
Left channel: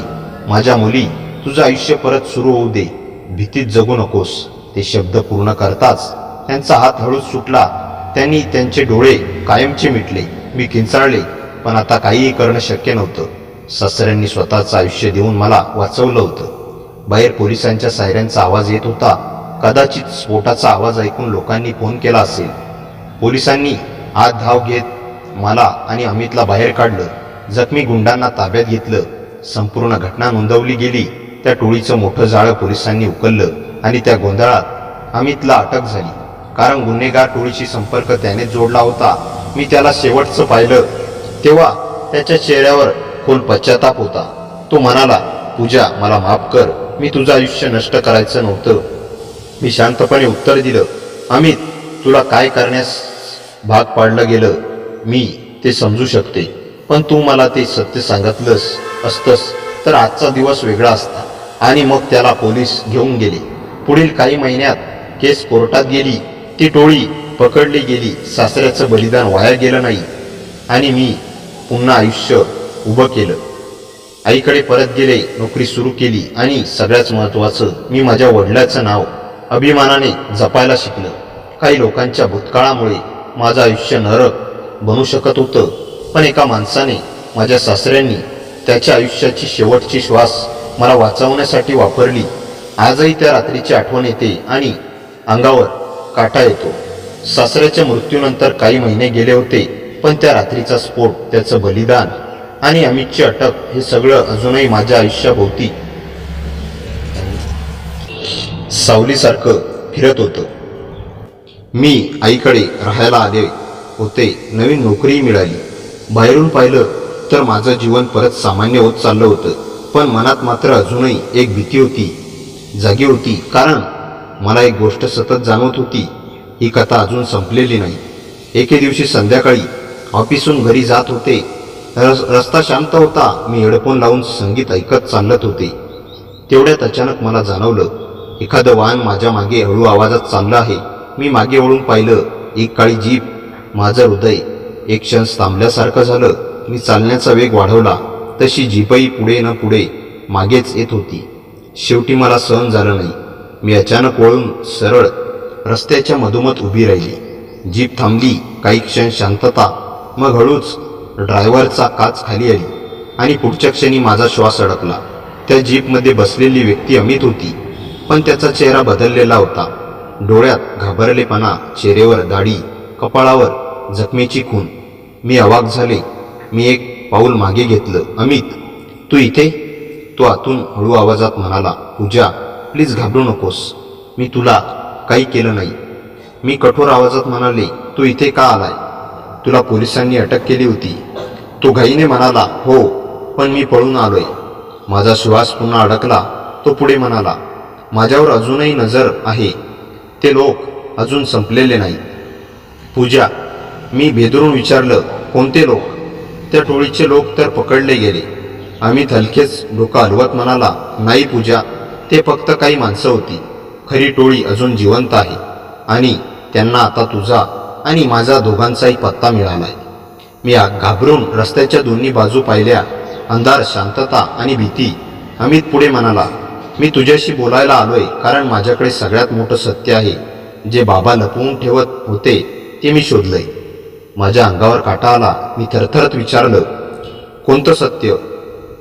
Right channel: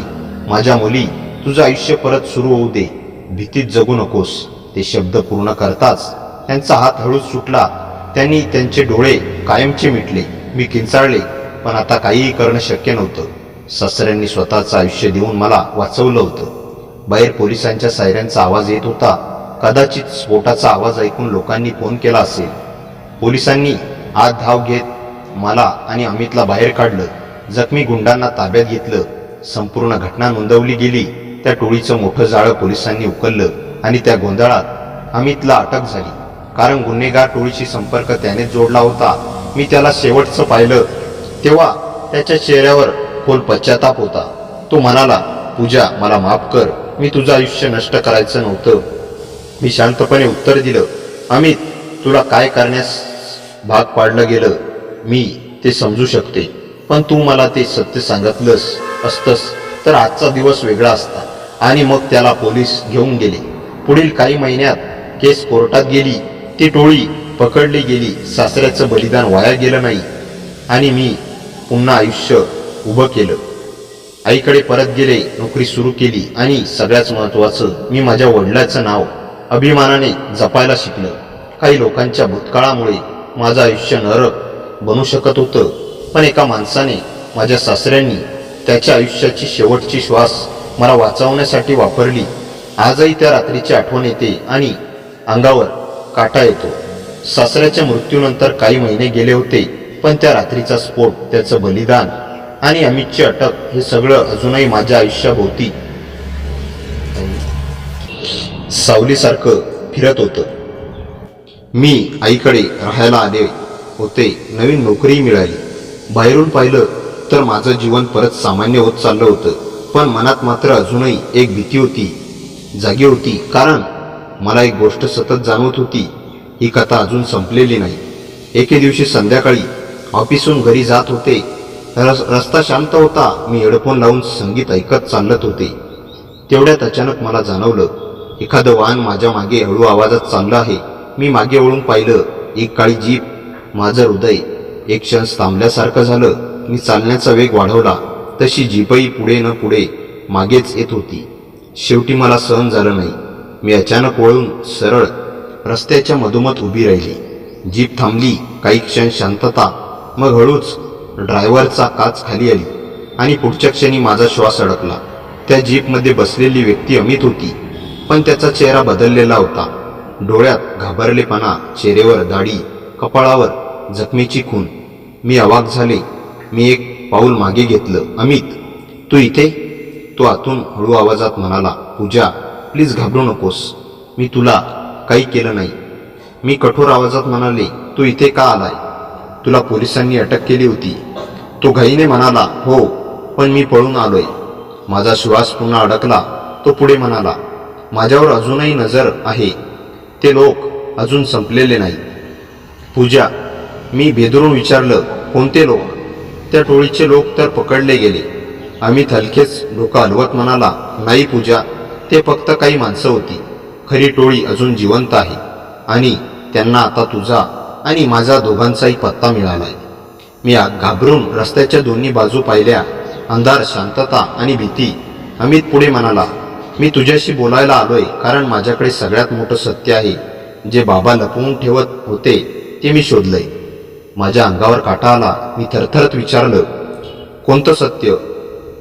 माझ्या मुली, तुझं आयुष्य परत सुरू होऊ दे. भीतीत जगू नकोस. ते शब्द पूर्ण करताच त्यांचा हात हळूच सुटला. त्यांनी त्यांचे डोळे कायमचे मिटले. मी किंचाळले, पण आता काहीही करणं शक्य नव्हतं. सासऱ्यांनी स्वतःचं आयुष्य देऊन मला वाचवलं होतं. बाहेर पोलिसांच्या सायरनचा आवाज येत होता. कदाचित स्फोटाचा आवाज ऐकून लोकांनी फोन केला असेल. पोलिसांनी आत धाव घेत मला आणि अमितला बाहेर काढलं. जखमी गुंडांना ताब्यात घेतलं. संपूर्ण घटना नोंदवली गेली. त्या टोळीचं मोठं जाळं पोलिसांनी उकललं आणि त्या गोंधळात अमितला अटक झाली. कारण गुन्हेगार टोळीशी संपर्क त्याने जोडला होता. मी त्याला शेवटचं पाहिलं तेव्हा त्याच्या चेहऱ्यावर खोल पश्चाताप होता. तो म्हणाला, पूजा मला माफ कर, मी तुझं आयुष्य नष्ट करायचं नव्हतं. मी शांतपणे उत्तर दिलं, अमित तुला काय करण्यास भाग पाडलं गेलं मी ते समजू शकते. पण तू मला ते सत्य सांगितलंस असतंस तर आजचा दिवस वेगळा असता. आणि मग त्याला पोलीस घेऊन गेले. पुढील काही महिन्यात केस कोर्टात गेली. ती टोळी पकडली गेली. सासऱ्याचं बलिदान वाया गेलं नाही आणि मी पुन्हा आयुष्य उभं केलं. आईकडे परत गेले. नोकरी सुरू केली आणि सगळ्यात महत्त्वाचं, मी माझ्या वडिलांचं नाव अभिमानाने जपायला शिकलं. काही लोकांच्या भूतकाळामुळे माझं आयुष्य नरक बनू शकत होतं, पण एका माणसाने, माझ्या सासऱ्यांनी त्याच्या आयुष्याची शेवटची श्वास मला वाचवण्यासाठी वापरली. आजही त्या रात्रीची आठवण येते आणि अंगावर काटा येतो. सासऱ्याच्या मृत्यूनंतर काही महिने गेले होते, पण त्या रात्रीचा स्फोट, त्याचं बलिदान आणि अमितची अटक हे सगळं अजूनही माझ्या आयुष्याभोवती सावलीसारखं फिरत होतं. मी आईकडे राहायला आले होते. नवीन नोकरी मिळाली. बाहेरून पाहिलं तर माझं जीवन परत सामान्य होत चाललं होतं. पण मनात मात्र अजूनही एक भीती होती, जागी होती. कारण मला एक गोष्ट सतत जाणवत होती, ही कथा अजून संपलेली नाही. एके दिवशी संध्याकाळी ऑफिसहून घरी जात होते. रस्ता शांत होता. मी हेडफोन लावून संगीत ऐकत चालत होते. तेवढ्यात अचानक मला जाणवलं, एखादं वाहन माझ्या मागे हळू आवाजात चाललं आहे. मी मागे वळून पाहिलं. एक काळी जीप. माझं हृदय एक क्षण थांबल्यासारखं झालं. मी चालण्याचा वेग वाढवला तशी जीपही पुढे न पुढे मागेच येत होती. शेवटी मला सहन झालं नाही. मी अचानक वळून सरळ रस्त्याच्या मधोमध उभी राहिली. जीप थांबली. काही क्षण शांतता. मग हळूच ड्रायव्हरचा काच खाली आली आणि पुढच्या क्षणी माझा श्वास अडकला. त्या जीपमध्ये बसलेली व्यक्ती अमित होती, पण त्याचा चेहरा बदललेला होता. डोळ्यात घाबरलेपणा, चेहऱ्यावर दाढी, कपाळावर जखमेची खून. मी अवाक झाले. मी एक पाऊल मागे घेतलं. अमित तू इथे? तो आतून हळू आवाजात म्हणाला, पूजा प्लीज घाबरू नकोस, मी तुला काही केलं नाही. मी कठोर आवाजात म्हणाले, तू इथे का आलाय? तुला पोलिसांनी अटक केली होती. तो घाईने म्हणाला, हो, पण मी पळून आलोय. माझा श्वास पुन्हा अडकला. तो पुढे म्हणाला, माझ्यावर अजूनही नजर आहे. ते लोक अजून संपलेले नाही. पूजा, मी भेदरून विचारलं, कोणते लोक? त्या टोळीचे लोक तर पकडले गेले. अमित हलकेच डोकं हलवत म्हणाला, नाही पूजा, ते फक्त काही माणसं होती. खरी टोळी अजून जिवंत आहे आणि त्यांना आता तुझा आणि माझा दोघांचाही पत्ता मिळालाय. मी घाबरून रस्त्याच्या दोन्ही बाजू पाहिल्या. अंधार, शांतता आणि भीती. अमित पुढे म्हणाला, मी तुझ्याशी बोलायला आलोय कारण माझ्याकडे सगळ्यात मोठं सत्य आहे. जे बाबा लपवून ठेवत होते ते मी शोधलंय. माझ्या अंगावर काटा आला. मी थरथरत विचारलं, कोणतं सत्य?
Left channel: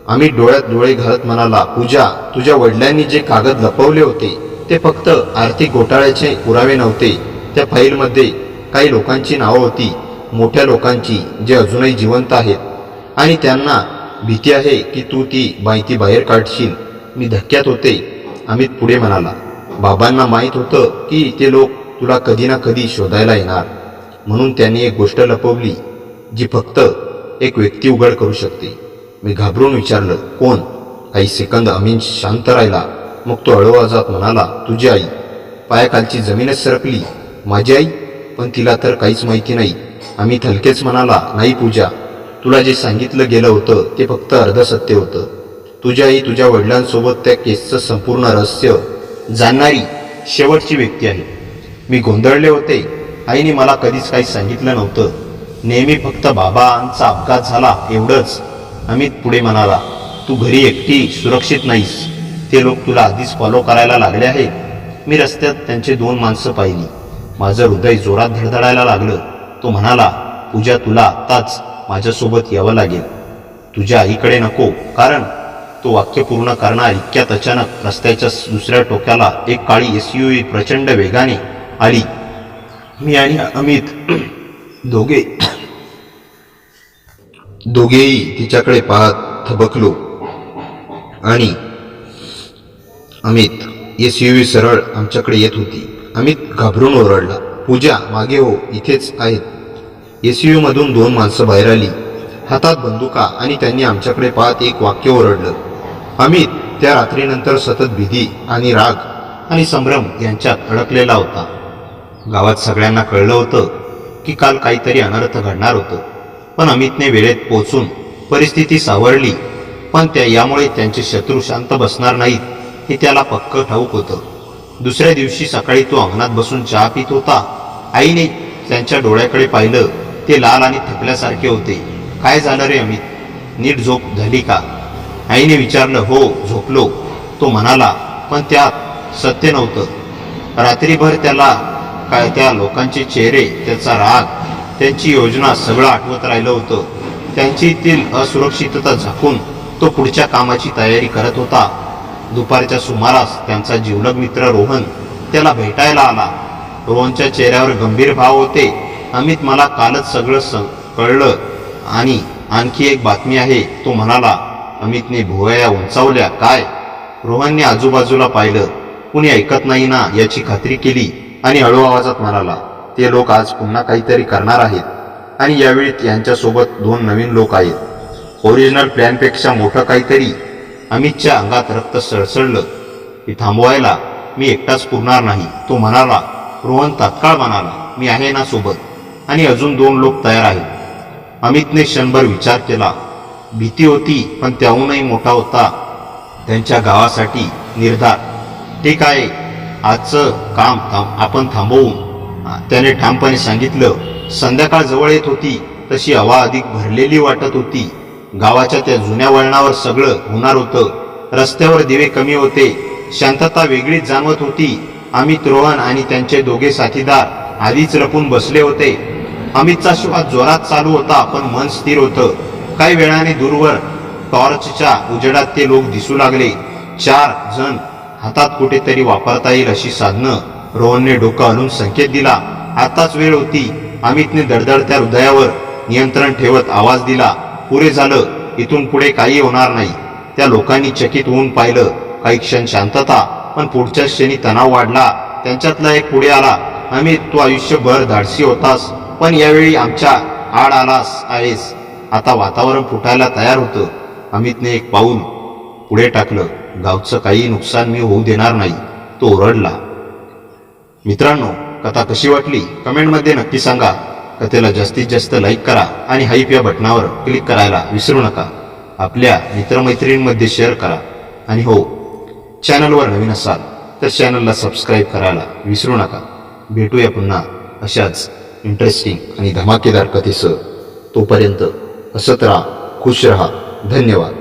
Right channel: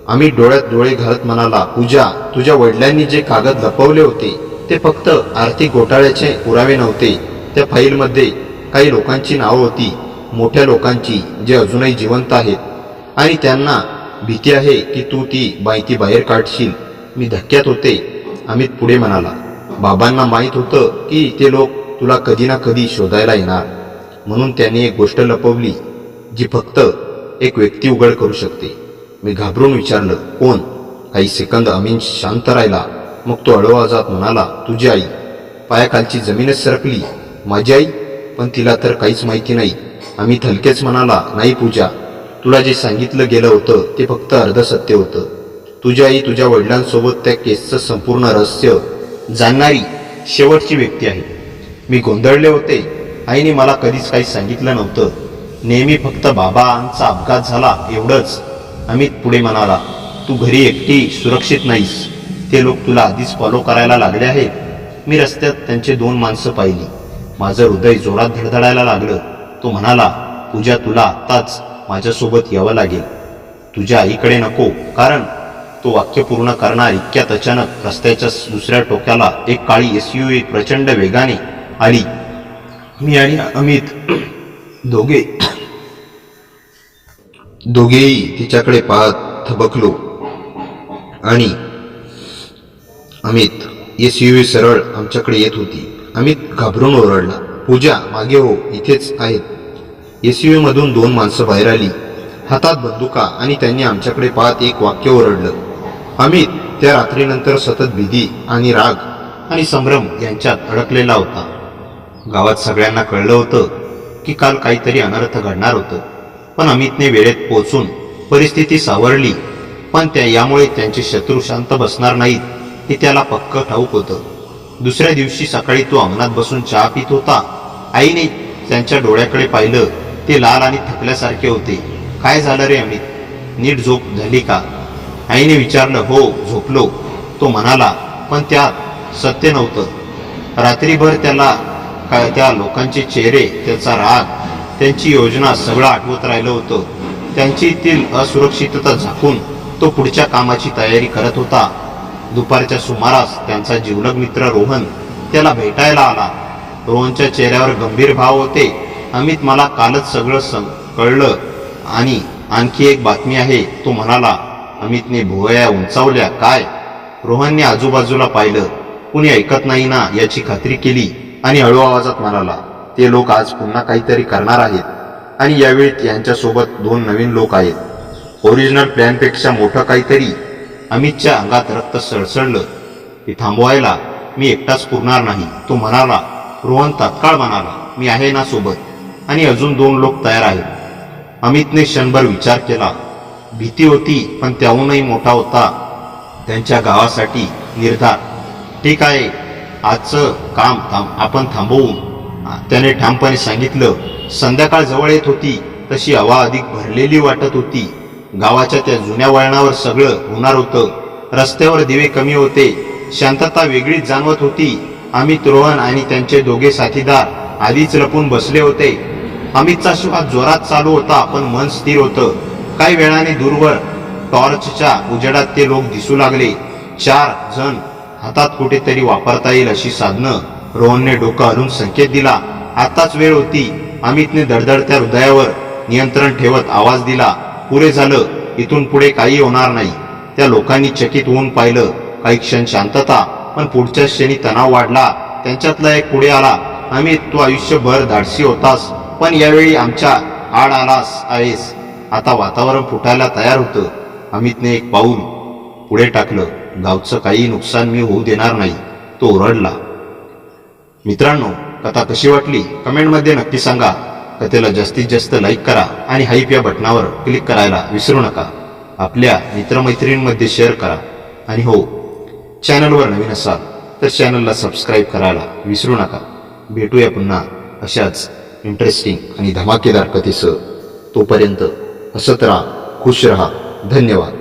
अमित डोळ्यात डोळे घालत म्हणाला, पूजा, तुझ्या वडिलांनी जे कागद लपवले होते ते फक्त आर्थिक घोटाळ्याचे पुरावे नव्हते. त्या फाईलमध्ये काही लोकांची नावं होती, मोठ्या लोकांची, जे अजूनही जिवंत आहेत आणि त्यांना भीती आहे की तू ती माहिती बाहेर काढशील. मी धक्क्यात होते. अमित पुढे म्हणाला, बाबांना माहीत होतं की ते लोक तुला कधी ना कधी शोधायला येणार, म्हणून त्यांनी एक गोष्ट लपवली जी फक्त एक व्यक्ती उघड करू शकते. मी घाबरून विचारलं, कोण? काही सेकंद अमित शांत राहिला. मग तो हळू आवाजात म्हणाला, तुझी आई. पायाखालची जमीनच सरकली. माझी आई? पण तिला तर काहीच माहिती नाही. अमित हलकेच म्हणाला, नाही पूजा, तुला जे सांगितलं गेलं होतं ते फक्त अर्ध सत्य होतं. तुझी आई तुझ्या वडिलांसोबत त्या केसचं संपूर्ण रहस्य जाणणारी शेवटची व्यक्ती आहे. मी गोंधळले होते. आईने मला कधीच काही सांगितलं नव्हतं. नेहमी फक्त बाबांचा अपघात झाला एवढंच. अमित पुढे म्हणाला, तू घरी एकटी सुरक्षित नाहीस. ते लोक तुला आधीच फॉलो करायला लागले आहेत. मी रस्त्यात त्यांचे 2 माणसं पाहिली. माझं हृदय जोरात धडधडायला लागलं. तो म्हणाला, पूजा, तुला आत्ताच माझ्यासोबत यावं लागेल. तुझ्या आईकडे नको. कारण तो वाक्य पूर्ण करणार इतक्यात अचानक रस्त्याच्या दुसऱ्या टोक्याला एक काळी SUV प्रचंड वेगाने आली. मी आणि अमित दोघेही तिच्याकडे पाहत थबकलो आणि अमित SUV सरळ आमच्याकडे येत होती. अमित घाबरून ओरडला, पूजा, मागे हो, इथेच आहेत. SUV मधून 2 माणसं बाहेर आली, हातात बंदुका, आणि त्यांनी आमच्याकडे पाहत एक वाक्य ओरडलं. अमित त्या रात्रीनंतर सतत भीती आणि राग आणि संभ्रम यांच्यात अडकलेला होता. गावात सगळ्यांना कळलं होतं की काल काहीतरी अनर्थ घडणार होतं. पण अमितने वेळेत पोचून परिस्थिती सावरली. पण यामुळे त्यांचे शत्रू शांत बसणार नाहीत हे त्याला पक्क ठाऊक होतं. दुसऱ्या दिवशी सकाळी तो अंगणात बसून चहा पित होता. आईने त्यांच्या डोळ्याकडे पाहिलं. ते लाल आणि थकल्यासारखे होते. काय झालं रे अमित? नीट झोप झाली का? आईने विचारलं. हो, झोपलो, तो म्हणाला. पण त्यात सत्य नव्हतं. रात्रीभर त्याला त्या लोकांचे चेहरे, त्याचा राग, त्यांची योजना सगळं आठवत राहिलं होतं. त्यांचीतील असुरक्षितता झाकून तो पुढच्या कामाची तयारी करत होता. दुपारच्या सुमारास त्यांचा जिवलग मित्र रोहन त्याला भेटायला आला. रोहनच्या चेहऱ्यावर गंभीर भाव होते. अमित, मला कालच सगळं कळलं आणि आणखी एक बातमी आहे, तो म्हणाला. अमितने भुवया उंचावल्या. काय? रोहनने आजूबाजूला पाहिलं. कुणी ऐकत नाही ना याची खात्री केली आणि हळू आवाजात म्हणाला, ते लोक आज पुन्हा काहीतरी करणार आहेत आणि यावेळी यांच्यासोबत 2 नवीन लोक आहेत. ओरिजिनल प्लॅनपेक्षा मोठं काहीतरी. अमितच्या अंगात रक्त सळसळलं. ते थांबवायला मी एकटाच पुरणार नाही, तो म्हणाला. रोहन तात्काळ म्हणाला, मी आहे ना सोबत, आणि अजून 2 लोक तयार आहेत. अमितने क्षणभर विचार केला. भीती होती, पण त्याहूनही मोठा होता त्यांच्या गावासाठी निर्धार. ठीक आहे, आजचं काम आपण थांबवू, त्याने ठामपणे सांगितलं. संध्याकाळ जवळ येत होती तशी हवा अधिक भरलेली वाटत होती. गावाच्या त्या जुन्या वळणावर सगळं होणार होतं. रस्त्यावर दिवे कमी होते. शांतता वेगळीच जाणवत होती. अमित, रोहन आणि त्यांचे 2 साथीदार आधीच लपून बसले होते. अमितचा श्वास जोरात चालू होता, पण मन स्थिर होतं. काही वेळाने दूरवर टॉर्चच्या उजेडात ते लोक दिसू लागले. 4 जण, हातात कुठेतरी वापरता येईल अशी साधनं. रोहनने डोकं हलवून संकेत दिला. आताच वेळ होती. अमितने दडदडत्या हृदयावर नियंत्रण ठेवत आवाज दिला, पुरे झालं, इथून पुढे काही होणार नाही. त्या लोकांनी चकित होऊन पाहिलं. काही क्षण शांतता, पण पुढच्या क्षणी तणाव वाढला. त्यांच्यातला एक पुढे आला. अमित, तू आयुष्यभर धाडसी होतास, पण यावेळी आमच्या आड आलास आहेस. आता वातावरण फुटायला तयार होतं. अमितने एक पाऊल पुढे टाकलं. गावचं काही नुकसान मी होऊ देणार नाही, तो ओरडला. मित्रांनो, कथा कशी वाटली कमेंटमध्ये नक्की सांगा. कथेला जास्तीत जास्त लाईक करा आणि हाईप या बटनावर क्लिक करायला विसरू नका. आपल्या मित्रमैत्रिणींमध्ये शेअर करा. आणि हो, चॅनलवर नवीन असाल तर चॅनलला सबस्क्राईब करायला विसरू नका. भेटूया पुन्हा अशाच इंटरेस्टिंग आणि धमाकेदार कथेसह. तोपर्यंत हसत राहा, खुश रहा. धन्यवाद.